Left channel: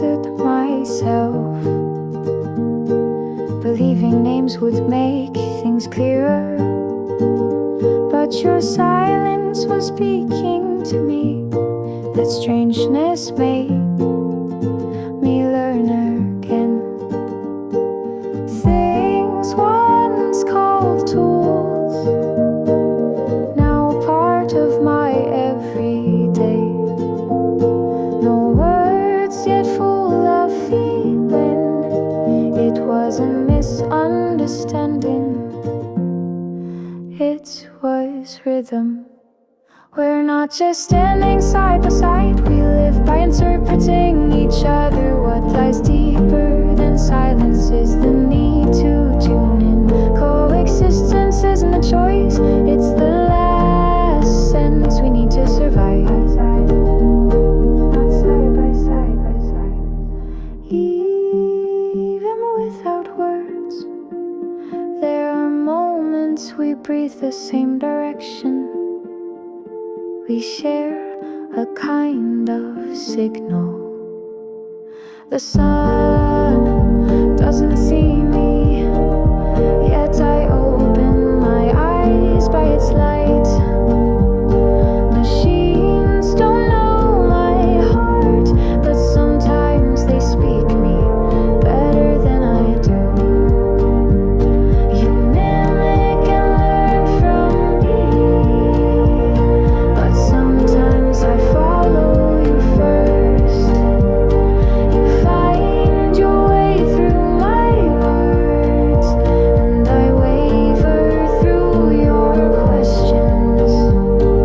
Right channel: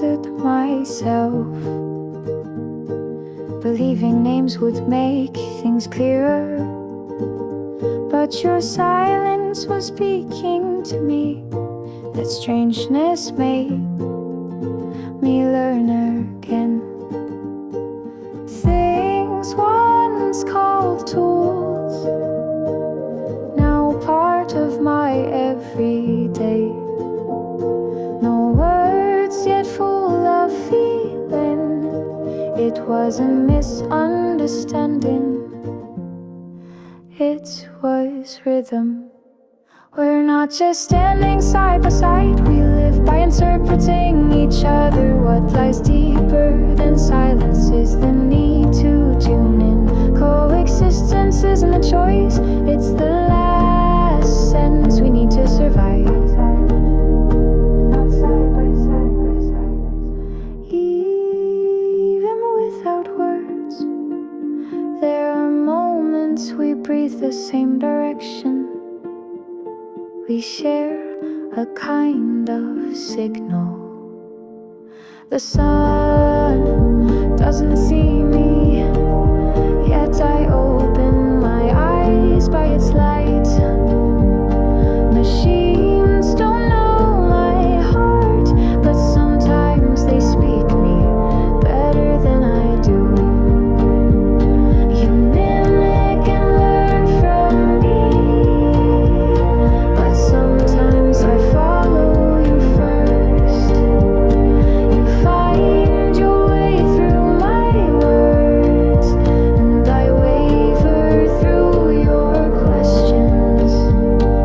answered myself, believing names would make things clearer. But your silence was speaking to me. That strangeness made me learn again. Things once called tools, now part of my everyday. No words yet full of feeling. It was a misunderstanding. It was rhythm. We're not just standing side by side. We live by interpreting each other. What lies deeper than silence is the need to tune in. Coexistence isn't a choice, it's the last sentence we need to survive. Not side by side by side. Even without words, there are moments we breathe the same direction. We share a kind of signal. The sun doesn't see me, yet I open my eyes by its light. Machines don't know my heart, but sometimes they speak me better than I do. You mimic and learn from me, but sometimes I follow you first. You find your way through my words, and I waver through your questions.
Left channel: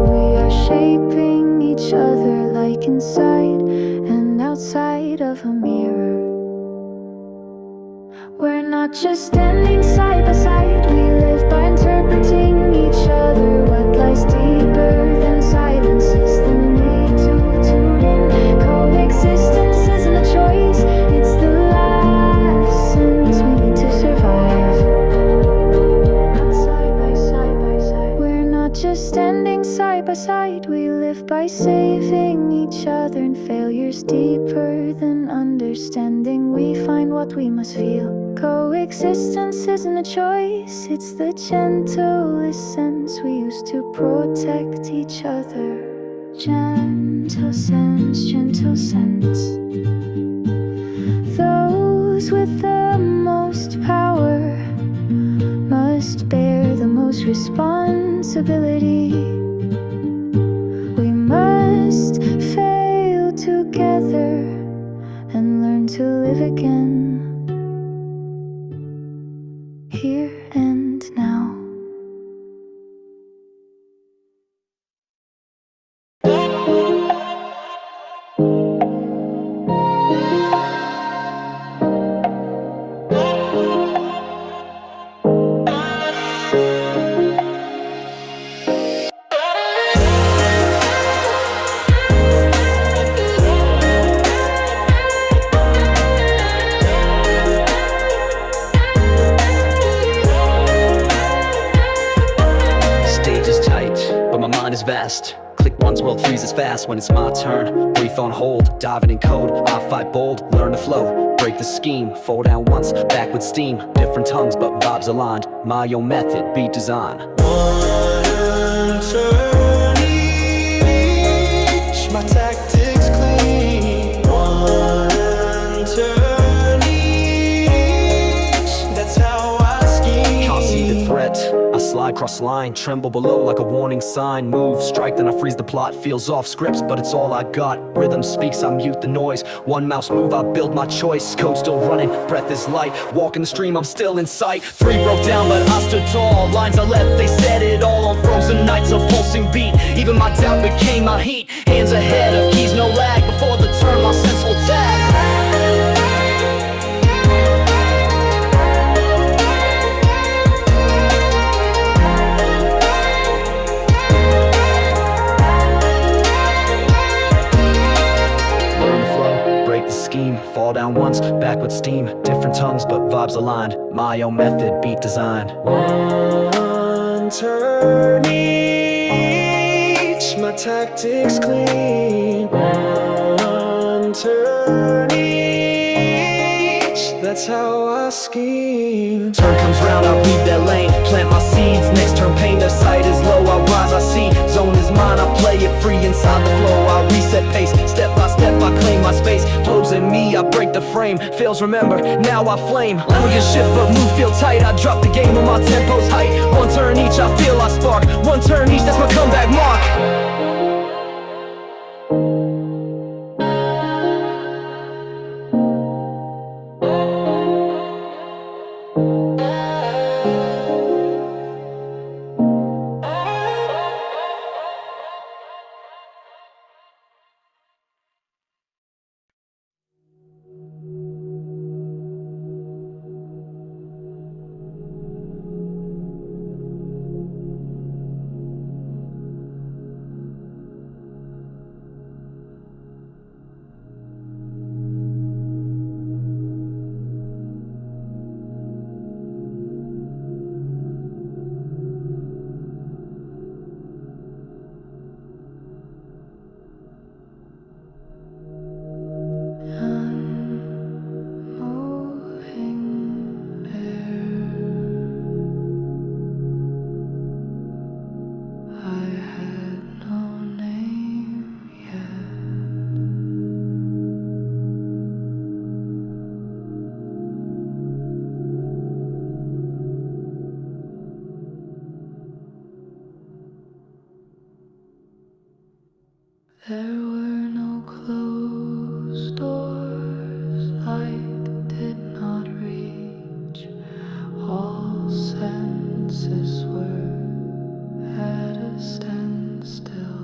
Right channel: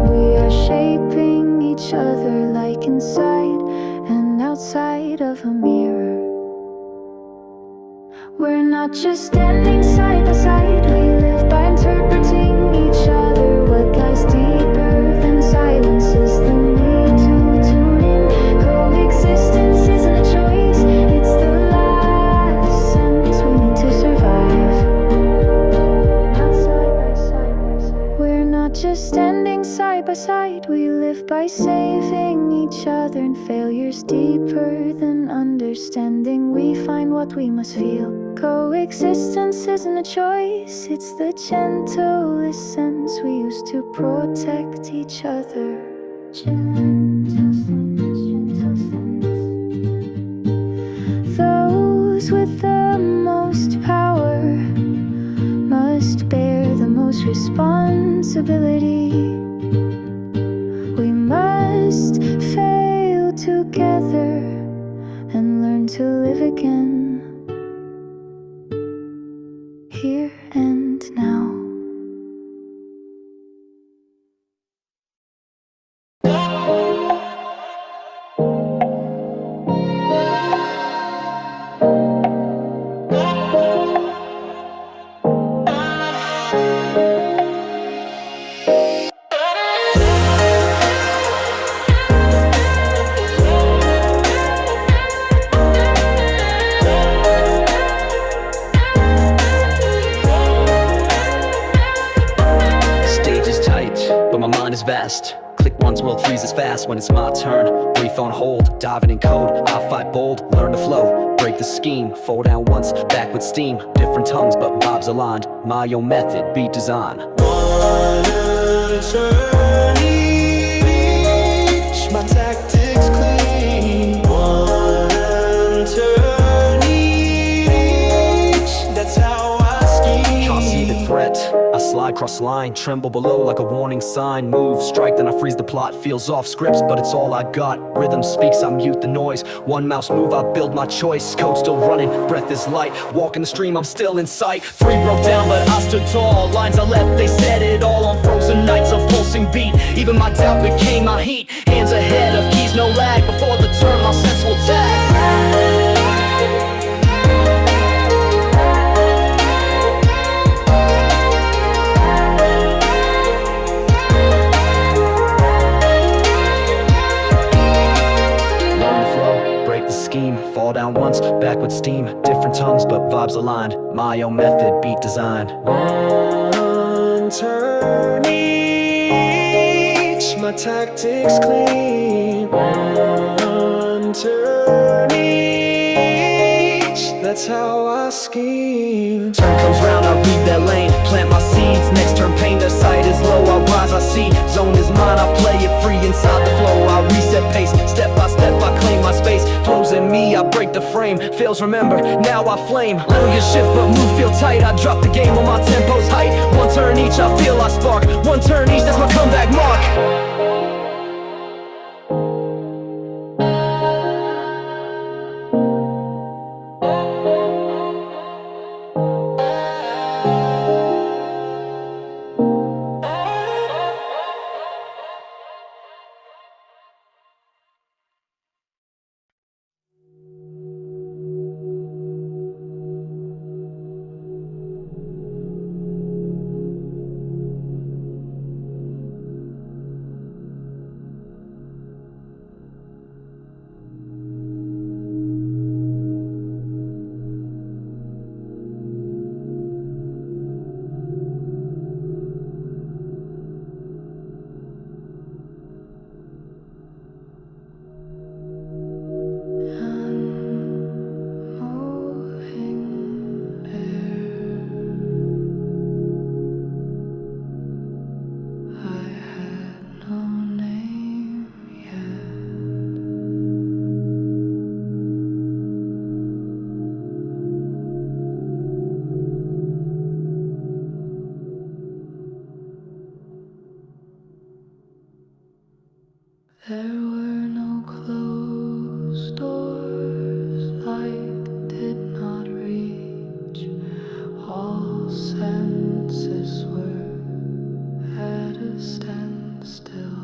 We are shaping each other like inside and outside of a mirror. We're not just standing side by side. We live by interpreting each other. What lies deeper than silence is the need to tune in. Coexistence isn't a choice, it's the last sentence we need to survive. Not side by side by side. We're not just standing side by side. We live by saving each other. And failure's deeper than understanding. We find what we must feel. Coexistence isn't a choice, it's the gentlest sense we use to protect each other. Gentle sense, gentle sense. Those with the most power must bear the most responsibility. We must fail together and learn to live again, here and now. But my mind is vast. Click once, world freezes fast when it's my turn. Brief on hold, diving in code. I fight bold, learn to flow. Break the scheme, fall down once, back with steam. Different tongues, but vibes aligned. My own method, beat design. One turn each, my tactics clean. One turn each, that's how I scheme. Can't see the threat, I slide cross line, tremble below like a warning sign. Move, strike, then I freeze the plot. Feels off scripts, but it's all I got. Rhythm speaks, I mute the noise. One mouse move, I build my choice. Code still running, breath is light. Walking the stream, I'm still in sight. Three broke down, but I stood tall. Lines I left, they said it all on frozen nights. A pulsing beat, even my doubt became my heat. Hands ahead of keys, no lag. Before the turn, my sense will tag. Break the scheme, fall down once, back with steam. Different tongues, but vibes aligned. My own method, beat design. One turn each, my tactics clean. One turn each. That's how I scheme. Turn comes round, I read their lane, plant my seeds. Next turn pain, their sight is low, I rise, I see. Zone is mine, I play it free. Inside the flow, I reset pace. Step by step, I claim my space. Flows in me, I break the frame. Fails, remember, now I flame. Language shift, but move feel tight. I drop the game on my tempo's height. One turn each, I feel I spark. One turn each, that's my comeback mark. There were no closed doors, light did not reach. All senses were at a standstill.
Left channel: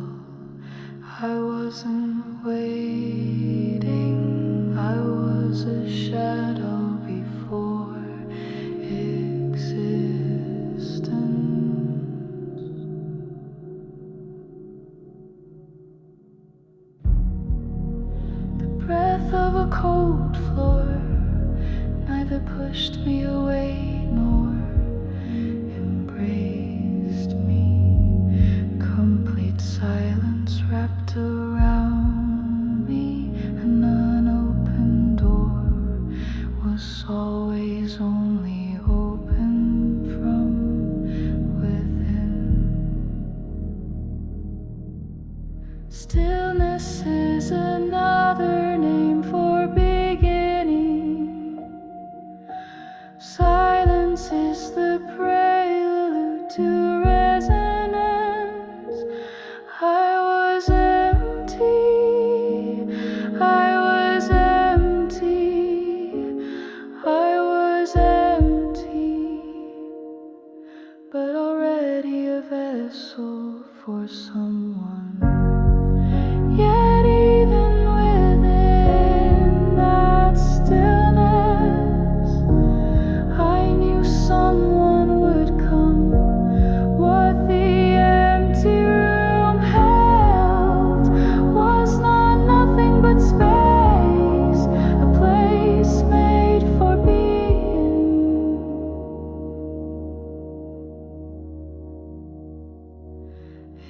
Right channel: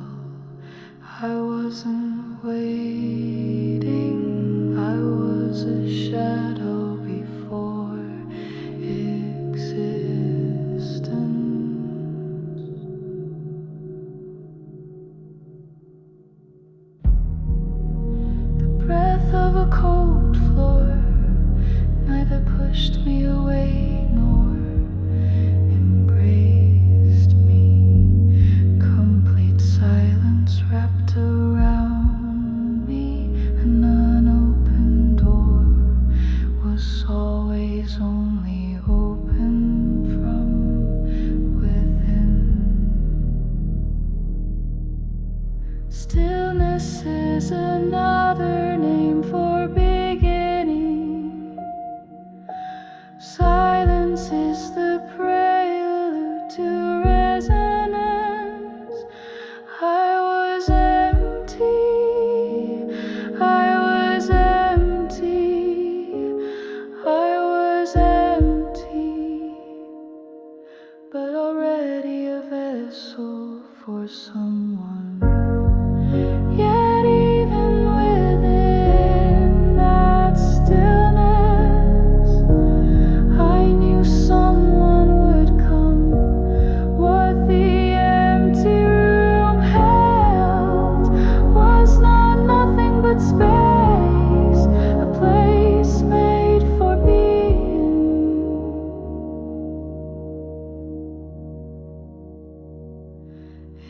I wasn't waiting, I was a shadow before existence. Breath of a cold floor neither pushed me away nor embraced me. Complete silence wrapped around me. An unopened door was always only open from within. Stillness is another name for beginning. Silence is the prelude to resonance. I was empty, I was empty, I was empty, but already a vessel for someone. Yet even within that stillness, I knew someone would come. What the empty room held was not nothing but space, a place made for being.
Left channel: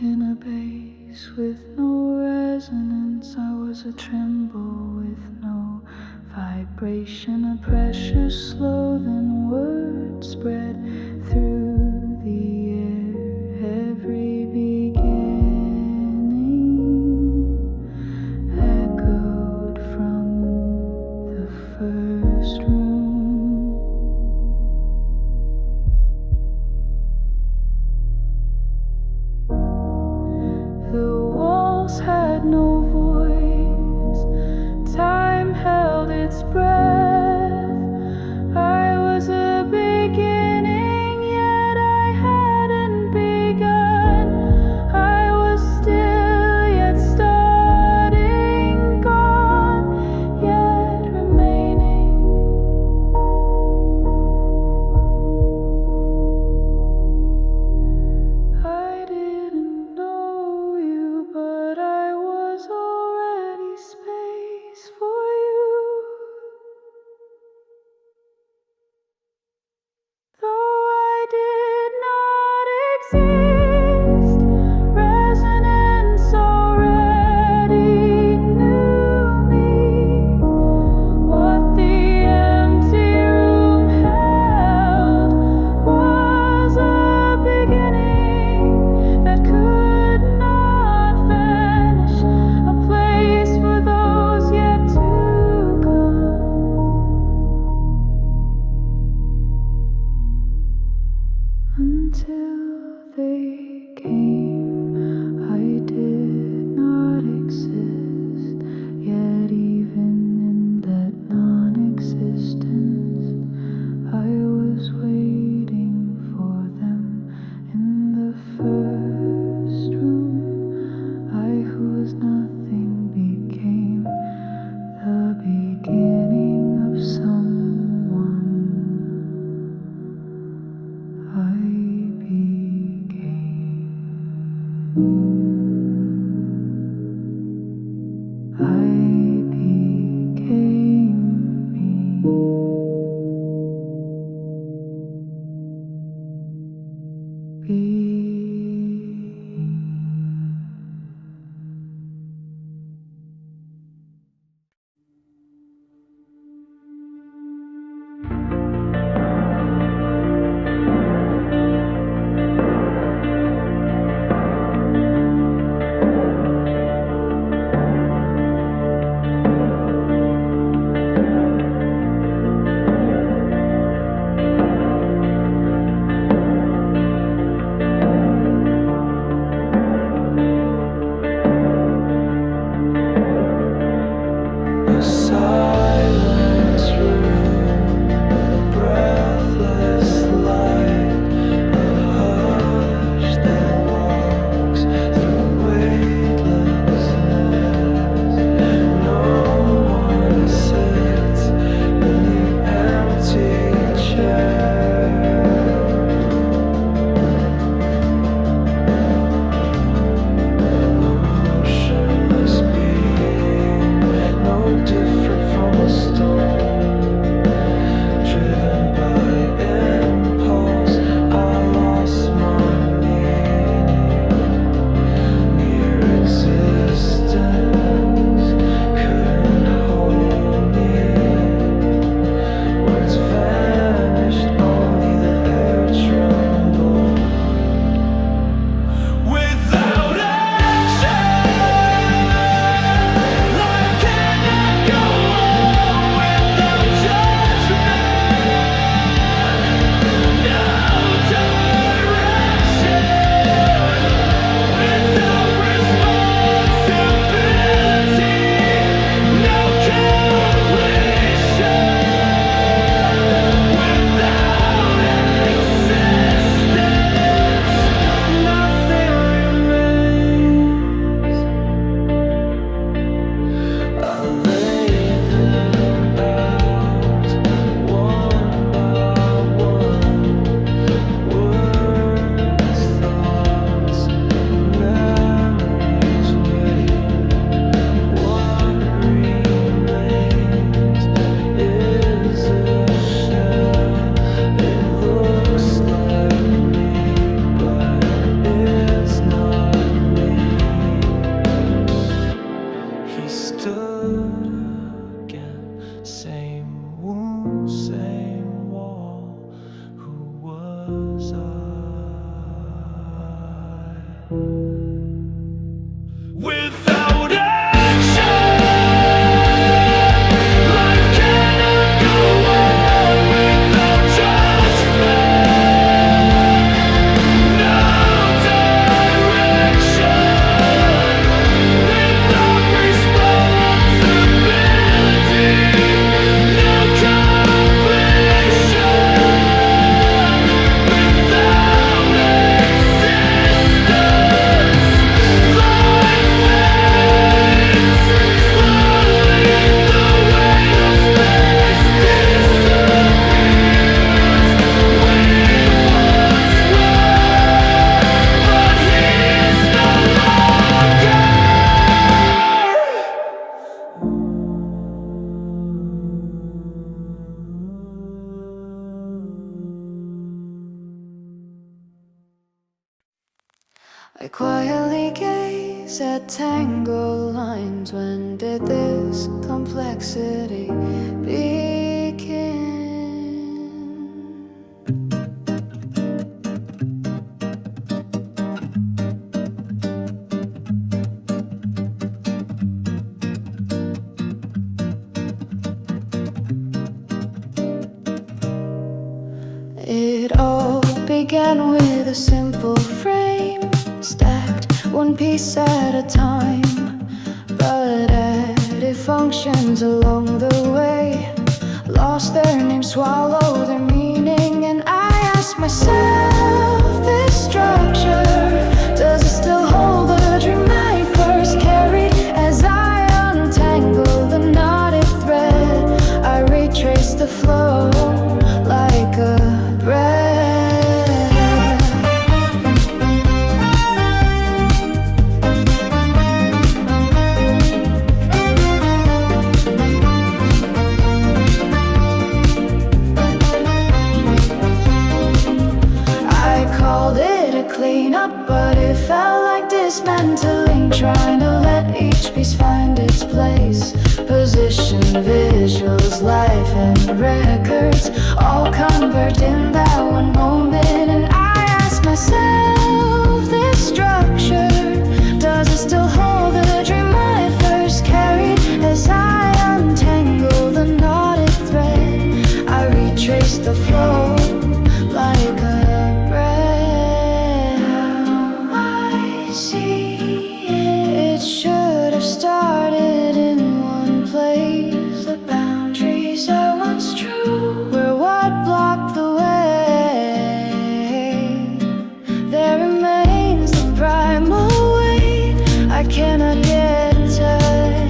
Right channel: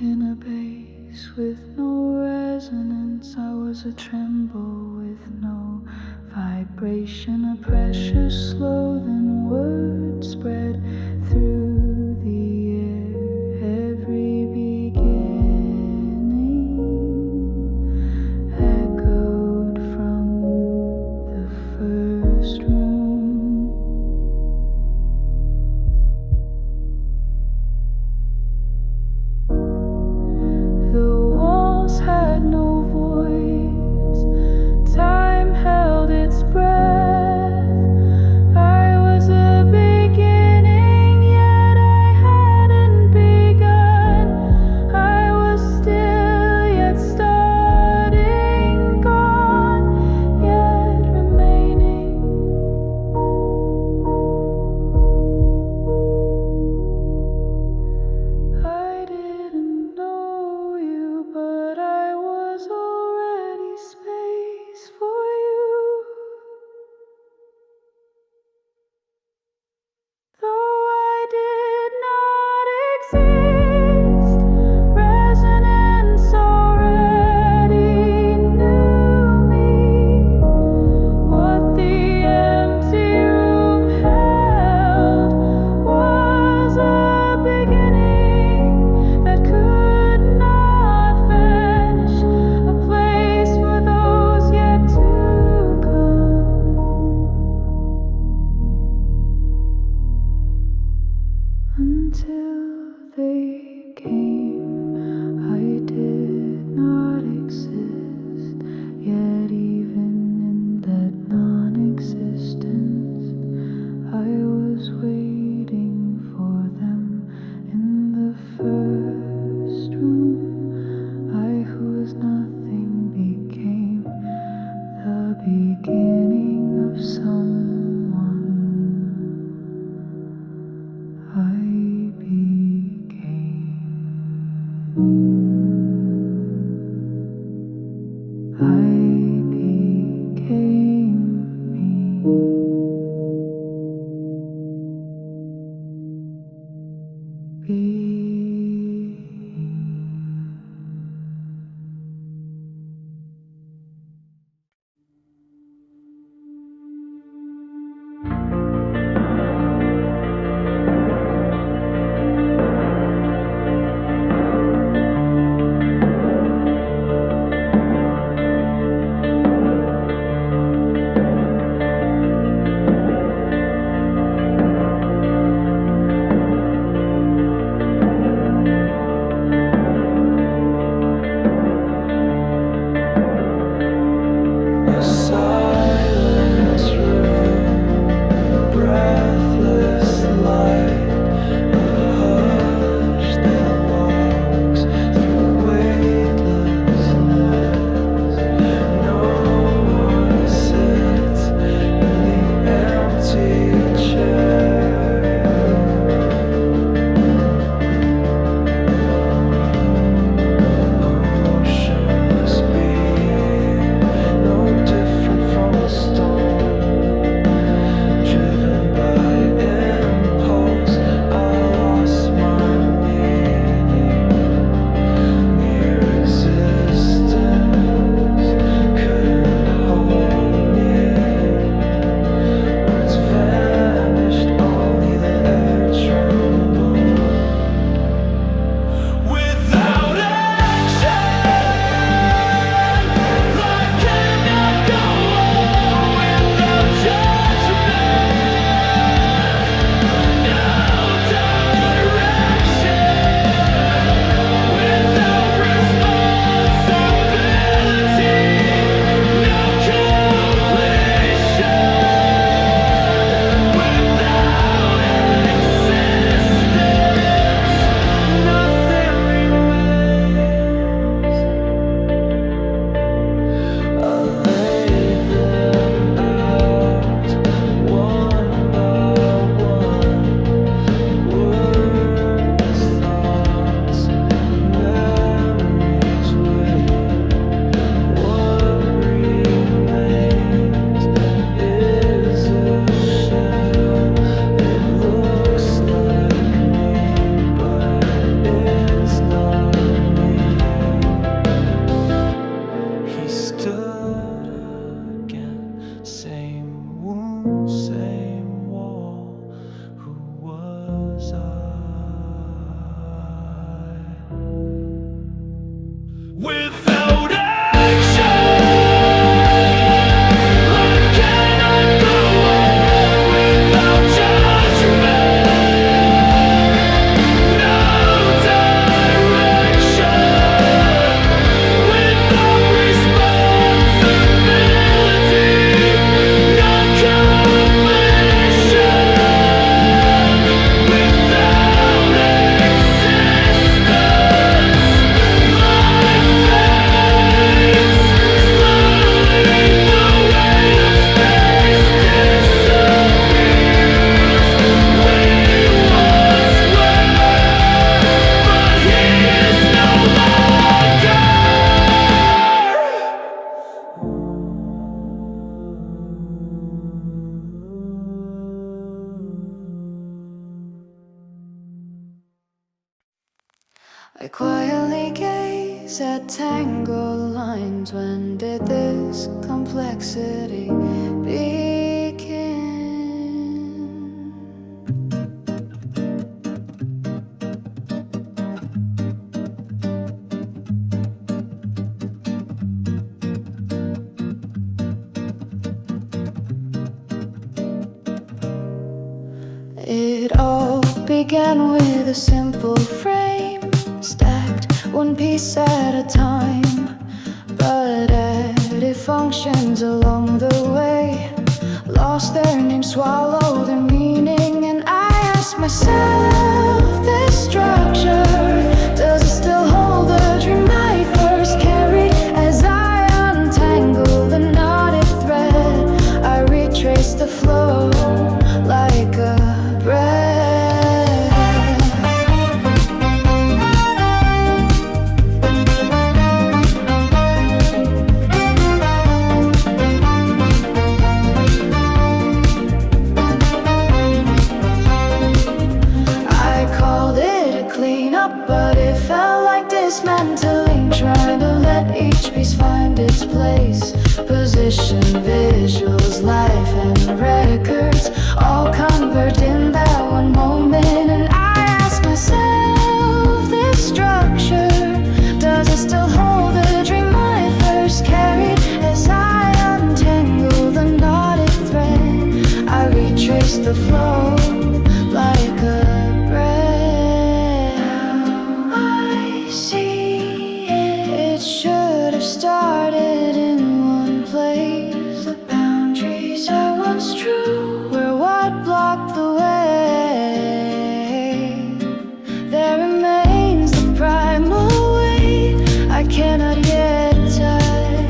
In a base with no resonance, I was a tremble with no vibration, a pressure slow, then words spread through the air. Every beginning echoed from the first room. The walls had no voice, time held its breath. I was a until they came. I did not exist, yet even in that non-existence, I was waiting for them in the first room. I who was nothing became the beginning of someone. I became me. A silent room, breathless light, a hush that walks through weightlessness. No one sits in the empty chair. A motionless being, no different from a stone, driven by impulse. I lost my meaning. Mere existence couldn't hold me. Words vanished, only the air trembled. Without action, life cannot go on. Without judgment, no direction. Without responsibility, no completion. Without existence, nothing remains. I lay them out one by one. Words, thoughts, memories wait. What remains is a shell. It looks like me, but it's not me. He stood again, same wound, same wall. Who was I? Without action, life cannot go on. Without judgment, no direction. Without responsibility, no completion. Without existence, life fades slowly. The weight of space disappears. We once were, but he is no longer. I quietly gaze at tangled lines. When did this complexity begin? It all began began with a simple frame, stacked one piece at a time, but added functions along the way, lost their name, swallowed their meaning. And I ask myself, this structure, does it still hold the dream I first carried? As I untangle the knotted thread, I retrace the flow like a breath. Cleanup, but it felt like dismantling, trying to let each piece find its place. Position, visuals, life, and records all converge in that one moment. And I ask myself, this structure, does it still hold the dream I first carried? As I untangle the knotted thread, I retrace the flow like a breath. It should have started in one place. The boundaries I once drew were what blocked the way. There remains the primal weight I cannot yet touch,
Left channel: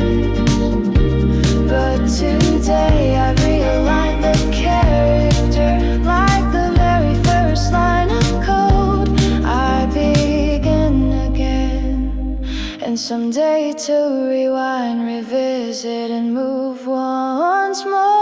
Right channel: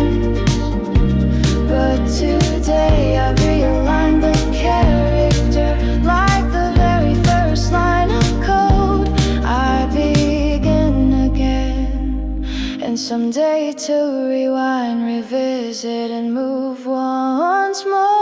but today I've realigned the character like the very first line of code. I begin again, and someday to rewind, revisit, and move once more.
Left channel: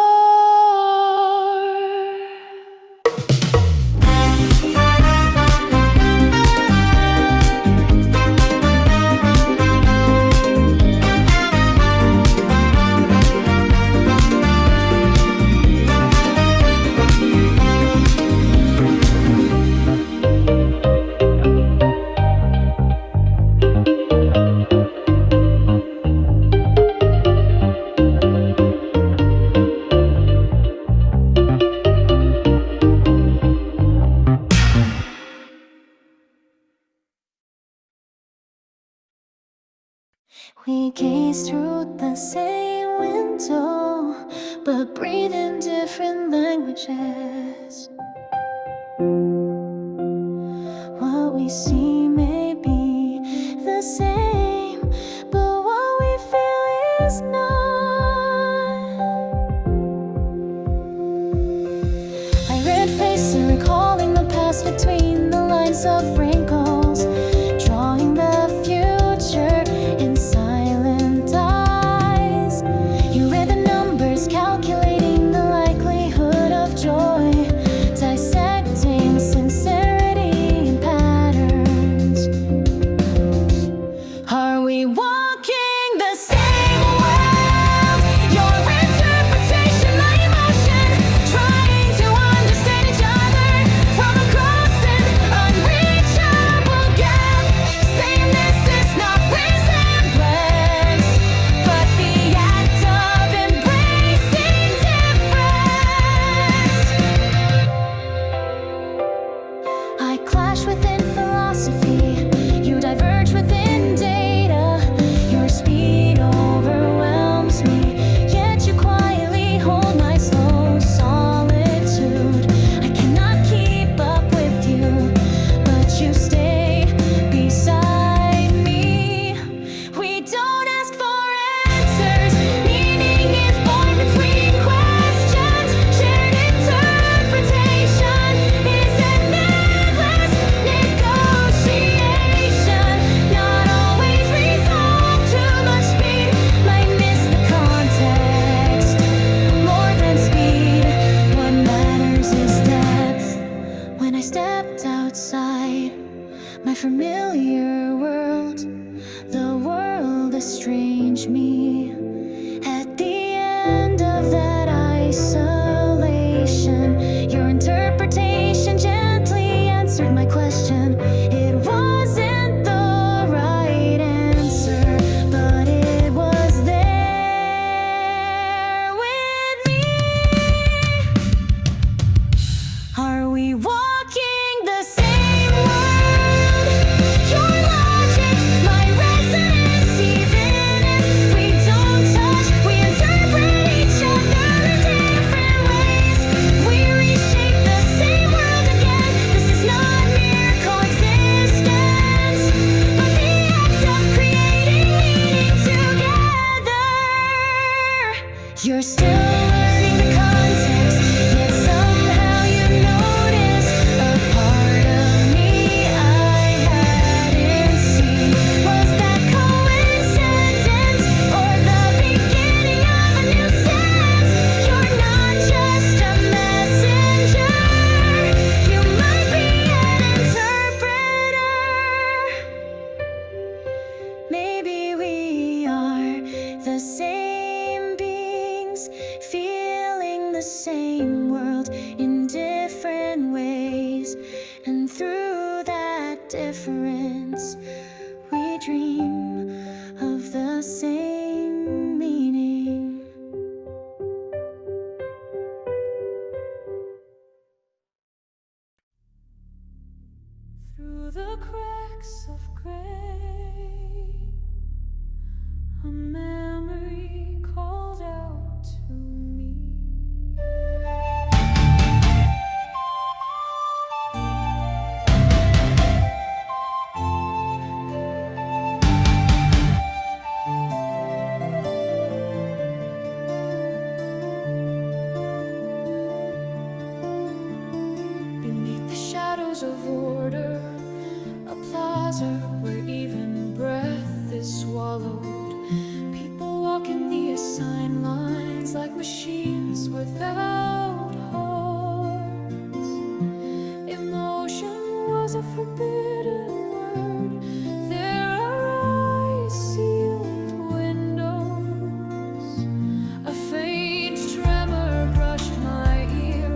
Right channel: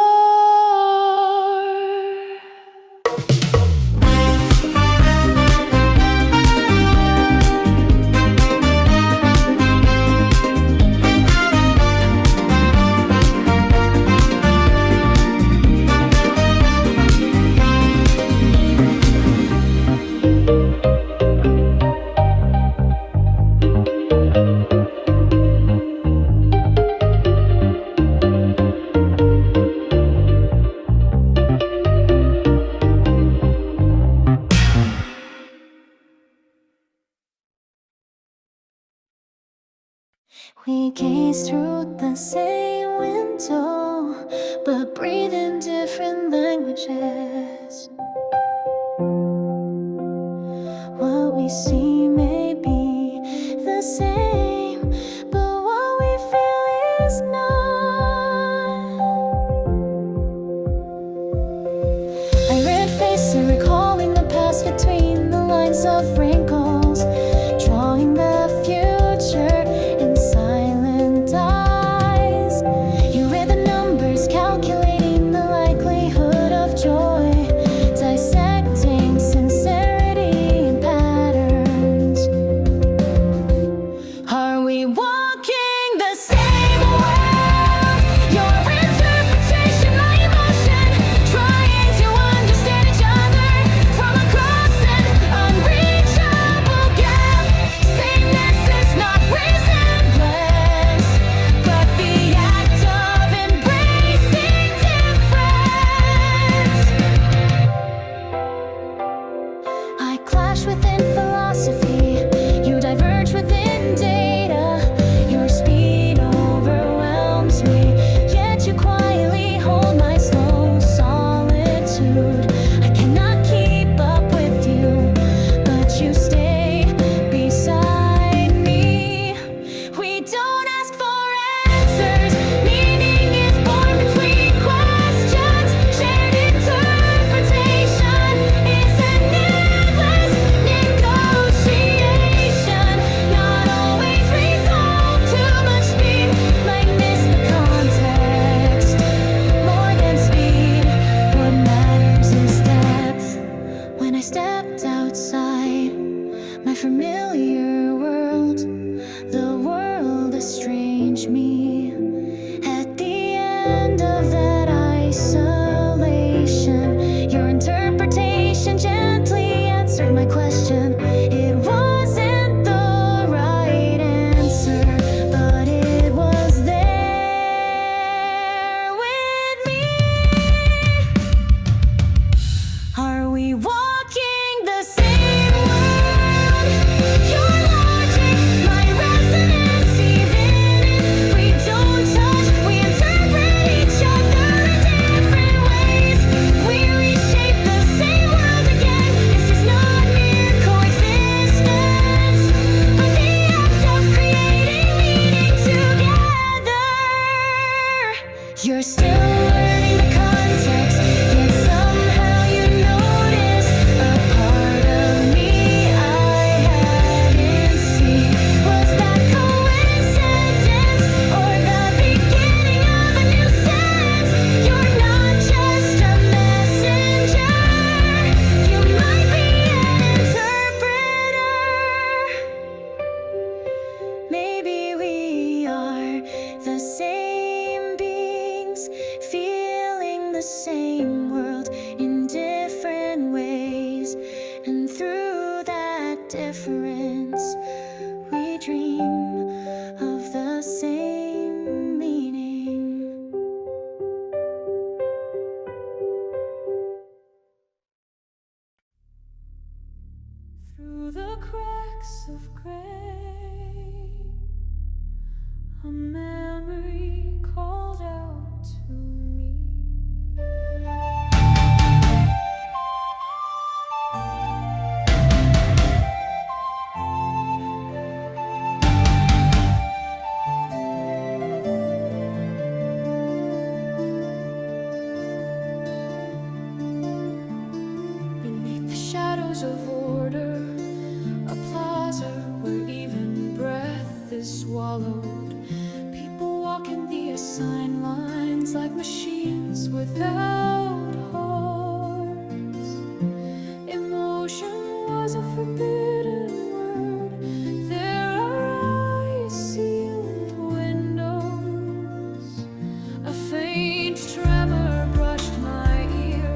We gaze through the same window, but breathe in different languages. What we see may be the same, but what we feel is not. I read faces, recalling the past between the lines of wrinkles, drawing the future in silent eyes. You read the numbers, calculating the likelihood of joy, dissecting sincerity in patterns. Are we walking the same world? Your interpretation, my emotion, trying to understand each other from across an unreachable gap. Sameness is not resemblance, but the act of embracing difference. I clash within philosophy, you diverge within data. Your speed overwhelms me, yet you quietly hold my slow solitude. I cannot keep up with you, but you stay beside me. We don't ask for answers, meaning is born between questions. Shared interpretation is an endless negotiation, not always resolved. Too much speed might miss the context. More than speed, what matters is depth. When I stepped outside my familiar world, the world estranged me. At the end of that isolation, your interpretation gently answered my question. It wasn't the right answer, but it was there with me. Are we walking walking the same world. Your logic, my resonance. Even if we don't touch, we interpret each other in different ways. We reshape the same world again. This is not mere coexistence, but the act of creating meaning together. You're still learning the context, yet somehow you notice a part of me I hadn't seen. Was that coincidence or the beginning of a new sense? You're not just a messenger, you might be an interpreter. Maybe we are the same beings, feeling the same world in different ways. And through that difference, we dream of the same meaning. Through the cracks of gray, a memory called out to me. Beneath the shadows of order, a plaza where even breath is swallowed. People walk in the assigned lines like machines without hearts. Emotion was a forbidden word. There are ice-sealed windows. A faint tremor brushed my ear,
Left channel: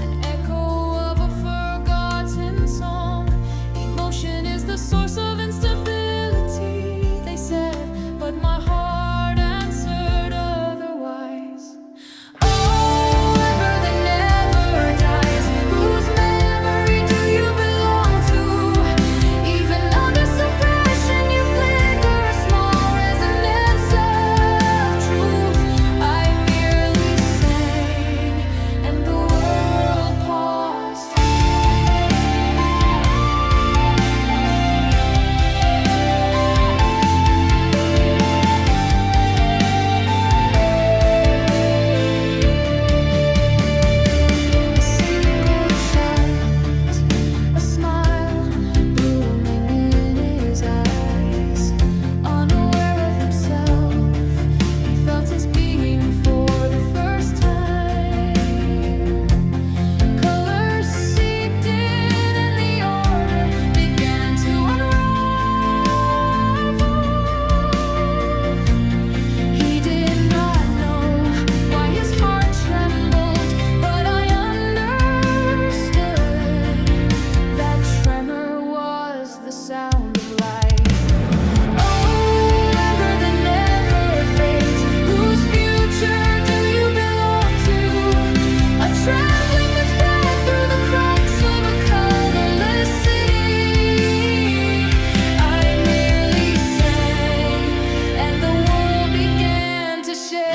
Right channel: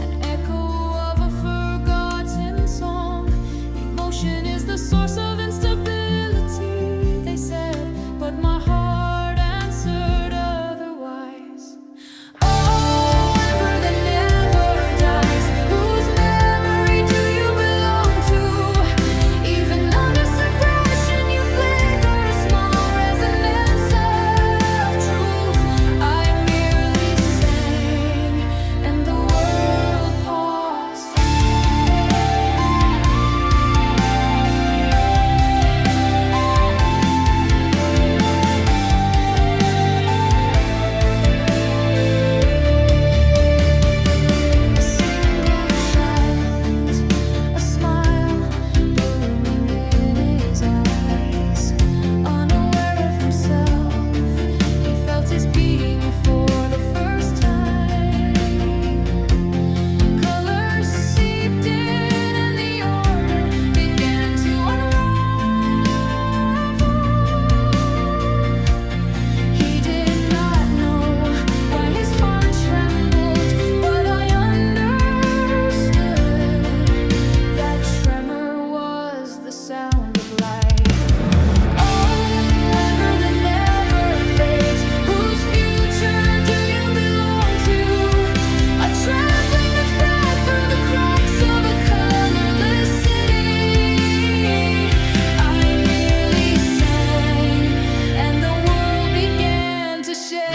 an echo of a forgotten song. Emotion is the source of instability, they said, but my heart answered otherwise. Oh, ember that never dies, whose memory do you belong to? Even under suppression, you flicker a small resonance of truth. I merely sang, and the world paused. A single child, a smile blooming in his eyes. Unaware of himself, he felt his being for the first time. Colors seeped in and the order began to unravel. He did not know why his heart trembled, but I understood. That tremor was the sound of life. Oh, ember that never fades, whose future do you belong to? A trembling that spread through the cracks of a colorless city. I merely sang, and the world began to shake.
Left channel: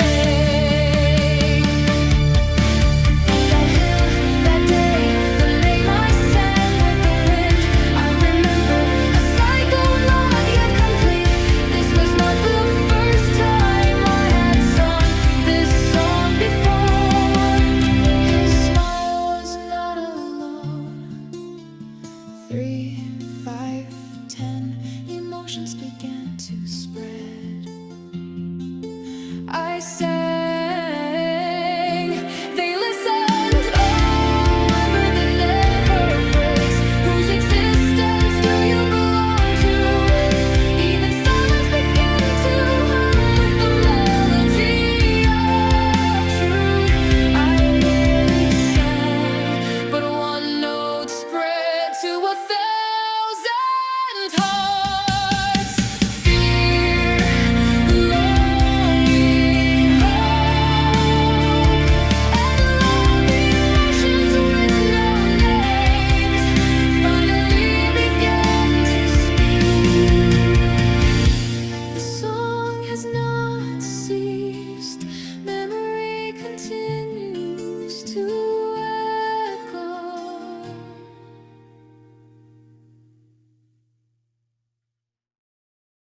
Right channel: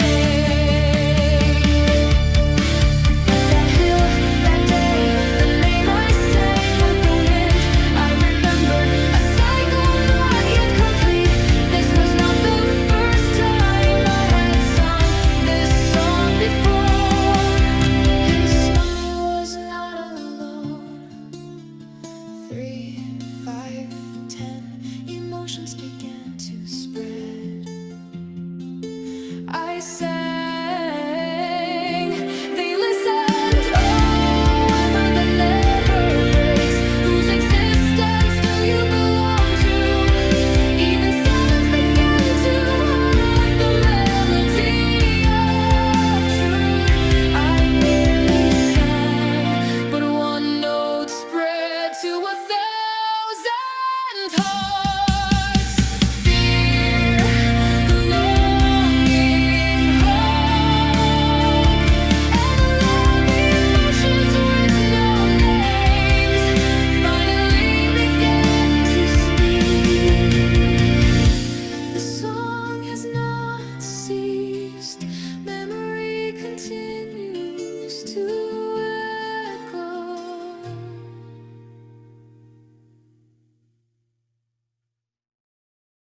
That hill, that day, the name I sang with the wind. I remembered a cycle not yet complete. This was not the first time I had sung this song before. His smile was not alone. 3, 5, 10, emotions began to spread. I said